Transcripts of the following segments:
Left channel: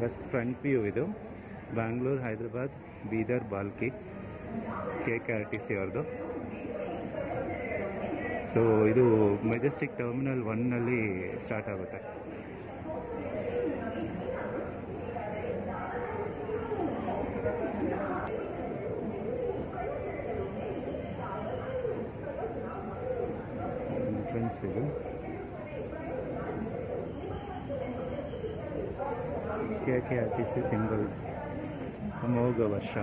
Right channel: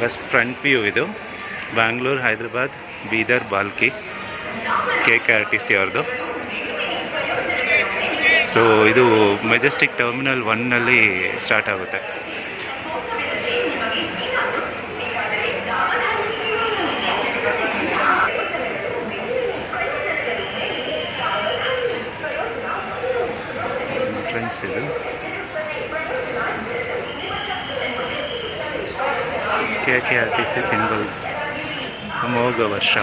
Bus front view ಇದು. Bangalore, Hyderabad, Bidar, Bhalki, KKRTC ಅವ್ರದ್ದು. So ಇದು ಮೆಜೆಸ್ಟಿಕ್ ಟರ್ಮಿನಲ್ 1ನಲ್ಲಿ ಸ್ಟಾರ್ಟ್ ಆಗುತ್ತೆ. ಎಂಟ್ರೆನ್ಸ್ ಇದು. KKRTC ಸಿಂಬಲ್ ಅಮೋಘ ವರ್ಷ.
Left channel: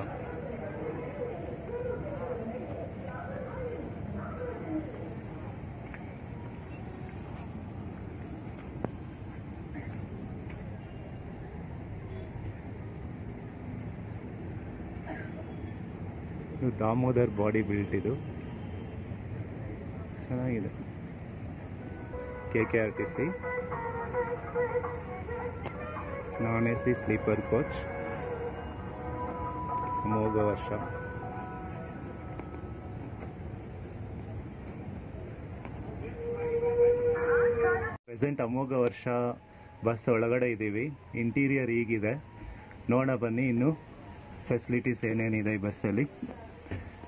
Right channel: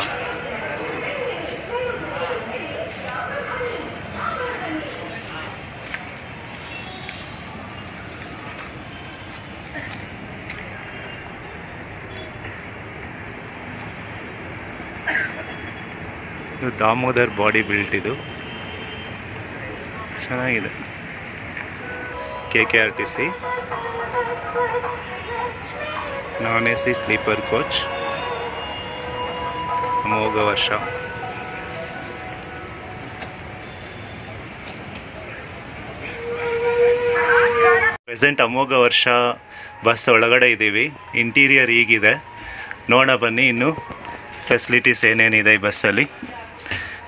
ಇದು ದಾಮೋದರ್ ಬಾಡಿ ಬಿಲ್ಟ್. ಇದು ಚೆನ್ನಾಗಿದೆ. KKRTC ನಾನ್ AC ಸ್ಲೀಪರ್ ಕೋಚ್ ಅಮೋಘ ವರ್ಷ. ಪ್ರೆಸೆಂಟ್ ಅಮೋಘ ವರ್ಷ ಬಸ್ ಒಳಗಡೆ ಇದ್ದೀವಿ. ಇಂಟೀರಿಯರ್ ಹೀಗಿದೆ, ನೋಡೋಣ ಬನ್ನಿ ಇನ್ನು ಫೆಸಿಲಿಟೀಸ್ ಏನೇನಿದೆ ಈ ಬಸ್ಸಲ್ಲಿ.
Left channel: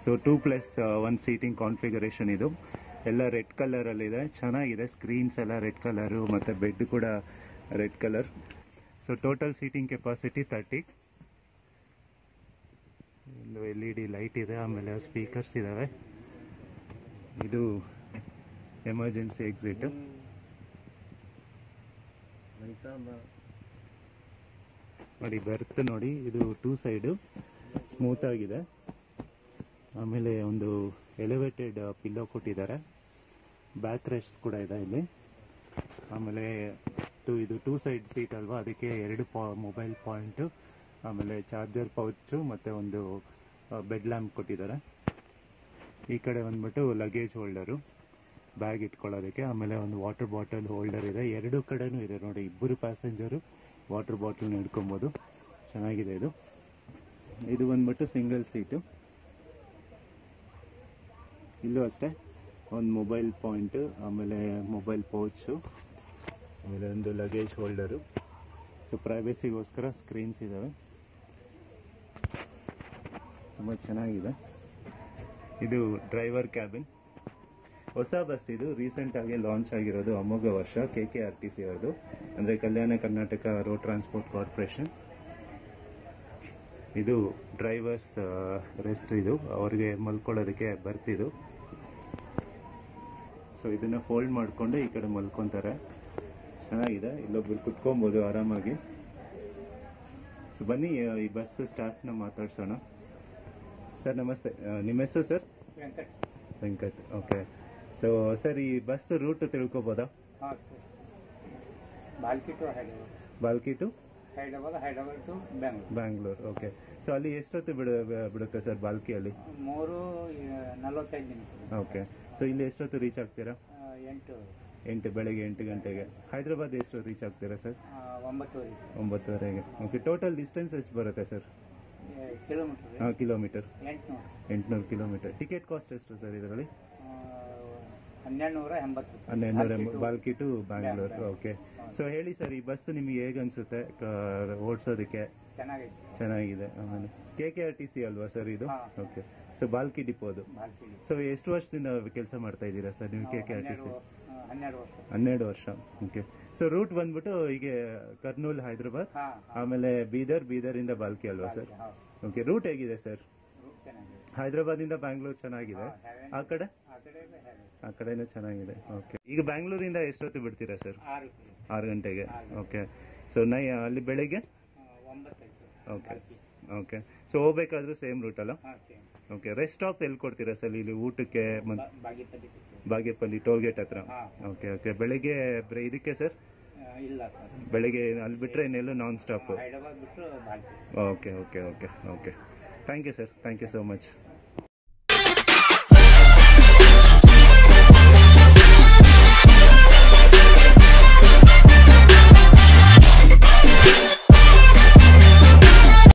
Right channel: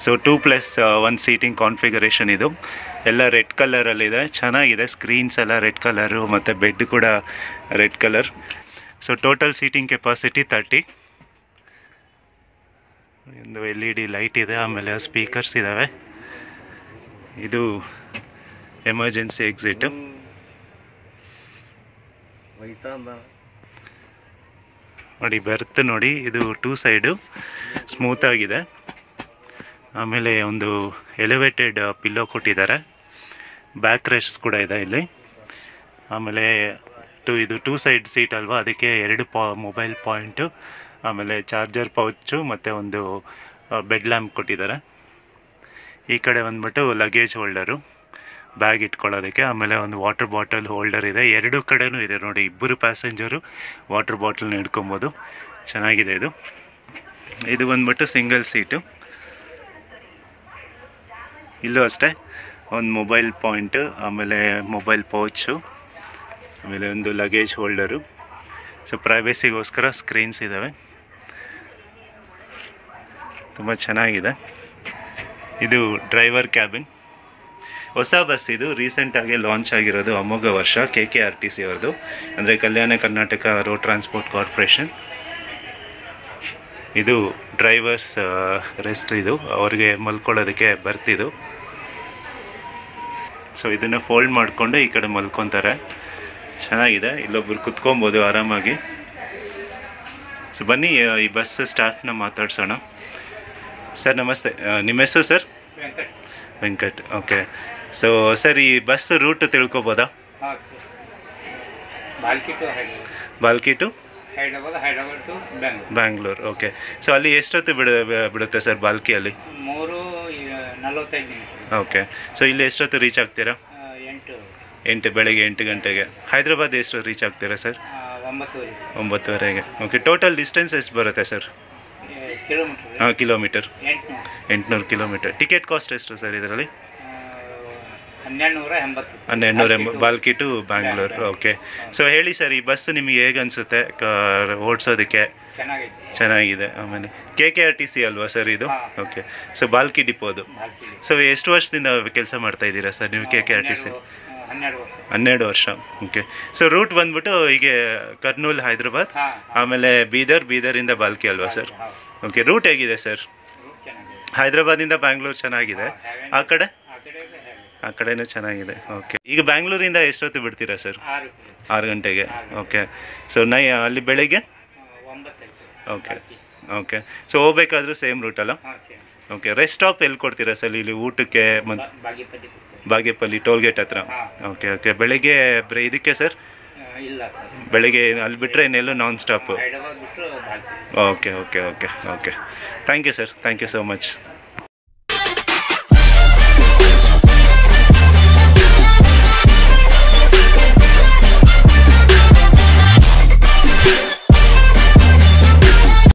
So 2+1 seating configuration. ಇದು ಎಲ್ಲ ರೆಡ್ ಕಲರಲ್ಲಿದೆ, ಚೆನ್ನಾಗಿದೆ. ಸ್ಕ್ರೀನ್ಸ್ ಎಲ್ಲ ರೆಡ್ ಕಲರು ಮತ್ತು ಬೆಡ್ ಕೂಡ red colour. So total seating capacity 30. ಒಂದು LED ಲೈಟ್ ಇದೆ, ಆಮೇಲೆ ಸ್ಪೀಕರ್ಸ್ ಇದ್ದಾವೆ. ಇದು ಎಮರ್ಜೆನ್ಸಿ ಎಕ್ಸಿಟ್. ನೋಡಿ ಬರ್ತ್ ನೋಡಿ, ಇದು 2 ಸೈಡು ಸ್ಮೂತ್ ಆಗಿದೆ. ಆಮೇಲೆ ಒಂದು ಎಲಿವೇಟೆಡ್ ಪಿಲ್ಲೋ ಕೊಟ್ಟಿದ್ದಾರೆ. ಬ್ಯಾಕ್ ರೆಸ್ಟ್ ಕೂಡ ಇದೆ ಇಲ್ಲಿ. ಆಮೇಲೆ ಇದು 2 ಸೈಡ್ ಸೀಟ್ ಅಲ್ವಾ, ಅದಕ್ಕೆ 2 ಮೊಬೈಲ್ ಪಾಯಿಂಟು, ಆಮೇಲೆ ಚಾರ್ಜರ್ ಪೌಚು ಮತ್ತು ಒಂದು ಬೆಡ್ ಲ್ಯಾಂಪ್ ಕೊಟ್ಟಿದ್ದಾರೆ. ಈ ಕಡೆ ಬಂದ್ಬಿಟ್ಟು ಲಗೇಜ್ ಹೋಲ್ಡರು, ಬ್ಯಾಗ್ ಇಟ್ಕೊಳ್ಳೋದಕ್ಕೆ. ಆಮೇಲೆ ಒಂದು ವಾಟರ್ ಬಾಟಲ್ ಹೋಲ್ಡರ್ ಇದೆ. 2 ಕಡೆನೂ ಇದೆ ನೋಡಿ, ಇಬ್ಬರು ಪ್ಯಾಸೆಂಜರು ವಾಟರ್ ಬಾಟಲ್ನ ಹಿಡ್ಕೊಬೋದು. ಚೆನ್ನಾಗಿದೆ ಇದು. ಇದು ಬಂದ್ಬಿಟ್ಟು ಸಿಂಗಲ್ ಸೀಟು. ಇಲ್ಲೂ ಅಷ್ಟೇ ಒಂದು ಮೊಬೈಲ್ ಪಾಯಿಂಟು, ಆಮೇಲೆ ಮೊಬೈಲ್ ಪೌಚು, ಆಮೇಲೆ ಒಂದು ಲಗೇಜ್ ಹೋಲ್ಡರು. ಸೊ ಪ್ರೈವೇಸಿಗೋಸ್ಕರ ಸ್ಕ್ರೀನ್ಸ್ ಇದ್ದಾವೆ. ತುಂಬ ಚೆನ್ನಾಗಿದೆ. ಇದು ಡ್ರೈವರ್ ಕ್ಯಾಬಿನ್. ಹೊಸ ಬಸ್ ಇದು, ರೀಸೆಂಟಾಗಿ ಲಾಂಚ್ ಆಗಿರೋದು. ಅಮೋಘ ವರ್ಷ KKRTC ಅವ್ರದ್ದು, ಅಂದರೆ Kalyana Karnataka road transport corporation. ಇದು ಡ್ರೈವರ್ಸ್ ರೆಸ್ಟ್. ಇದು ಅವ್ರಿಗೆ ಮಲ್ಕೊಳ್ಳೋದಕ್ಕೆ ಬರ್ತಿದ್ದು. ಸೊ ಇದನ್ನು ಫೋಲ್ಡ್ ಮಾಡಿಕೊಂಡು ಈ ಕಡೆ ಮಲ್ಕೊತಾರೆ. ಚೆನ್ನಾಗಿದೆ. ಇಲ್ಲೊಬ್ರು ಕುತ್ಕೊಬೋದು ಆರಾಮಾಗಿ. ಸೊ ಬನ್ನಿ ಈ ಬಸ್ ಸ್ಟಾಫ್ನ ಮಾತಾಡ್ಸೋಣ. ಸರ್ ನಮಸ್ತೆ, ನಿಮ್ಮ ಹೆಸರು sir? Venkat. Okay. So sir ಈ ಬಸ್ ರೂಟ್ ತಿಳ್ಕೊಬೋದಾ? Balki to Bangalore. Okay. So ಅಲ್ಲಿ ಎಷ್ಟೊತ್ತು ಬಿಡುತ್ತೆ ಸರ್ ಬಾಲ್ಕಿಯಲ್ಲಿ? 3:45. ಓಕೆ. ಸೊ ಇಲ್ಲಿ ಎಷ್ಟೊತ್ತು ರೀಚ್ ಆಗ್ತೀರಾ? 8 ಬೆಳಗ್ಗೆ 8 ಗಂಟೆಗೆ. ಹೈದರಾಬಾದ್ ಎಷ್ಟು ರೀಚ್ ಆಗ್ತೀರಾ ಸರ್? 9:30ಗೆ. ಓಕೆ. ಟೋಟಲ್ ಡಿಸ್ಟೆನ್ಸ್ ಎಷ್ಟು ಬರುತ್ತೆ sir? Kilometre 800 kilometre. Ticket cost ಎಷ್ಟು ಸರ್ ಇದರಲ್ಲಿ? 1280 ಬಾಲ್ಕಿ ಟು ಬ್ಯಾಂಗ್ಳೂರ್. ಓಕೆ. ಸೊ ಹೇಳಿ ಸರ್, ಈ ಬಸ್ ನಿಮಗೆ ಹೇಗೆ ಅನಿಸುತ್ತೆ ಓಡಿಸೋದಕ್ಕೆ? ಚೆನ್ನಾಗಿದೆ. ಆಮೇಲೆ KKRTC ಅಲ್ವಾ ಸರ್ ಇದು? ಓಕೆ. ಸೊ ಬಾಲ್ಕಿ ಡಿಪೋದು. ಸೊ ಎಷ್ಟು ವರ್ಷದಿಂದ ಕೆಲಸ ಮಾಡ್ತಾ ಇದ್ದೀರಾ ಸರ್ ನೀವು KKRTC? 12 ವರ್ಷ. ಓಕೆ. ಸೊ ರೂಟ್ ಬಂದ್ಬಿಟ್ಟು ಹೀಗೆ ಕರ್ನೂಲ್, ಹೈದರಾಬಾದ್, ಆಮೇಲೆ ಬೀದರಿಂದ ಬಾಲ್ಕಿ ಅಲ್ವಾ ಸರ್? ಓಕೆ. ರೂಟ್ ಹೇಗಿದೆ ಸರ್? ಹೈದರಾಬಾದಿಂದ ಬ್ಯಾಂಗ್ಳೂರ್ ಚೆನ್ನಾಗಿದೆ. ಆ ಕಡೆನೂ ಚೆನ್ನಾಗಿದೆ. ಓಕೆ. ಈಗ ಬ್ಯಾಂಗ್ಳೂರಿಂದ ಎಷ್ಟೊತ್ತು ಬಿಡ್ತೀರಾ ಸರ್? 6 ಗಂಟೆಗೆ. ಓಕೆ. ಸೊ ಅಲ್ಲಿ ಬೆಳಗ್ಗೆ? ಓಕೆ. ಓಕೆ. ಸೊ ಹೋಗ್ಬೇಕಾದ್ರೂ ಸೇಮ್ ರೂಟಲ್ಲ? ಓಕೆ. ರೆಸ್ಟ್ ಸ್ಟಾಪ್ ಎಲ್ಲಿ ಕೊಡ್ತೀರಾ ಸರ್ ಇಲ್ಲಿ ಊಟಕ್ಕೆ? ಮತ್ತು ಬಾಗೇಪಲ್ಲಿ ಟೋಲ್ಗೇಟ್ ಹತ್ರ. ಓಕೆ. ಓಕೆ. ಬೆಳಗ್ಗೆ ಇದಕ್ಕೆ ಸರ್? ಬೆಳಗ್ಗೆ ಅಲ್ಲಿ ಬಿಟ್ಟರೆ ಇನ್ನೆಲ್ಲೂ non stop? Okay. Okay. Okay. Okay. Thank you sir. Thank you so much.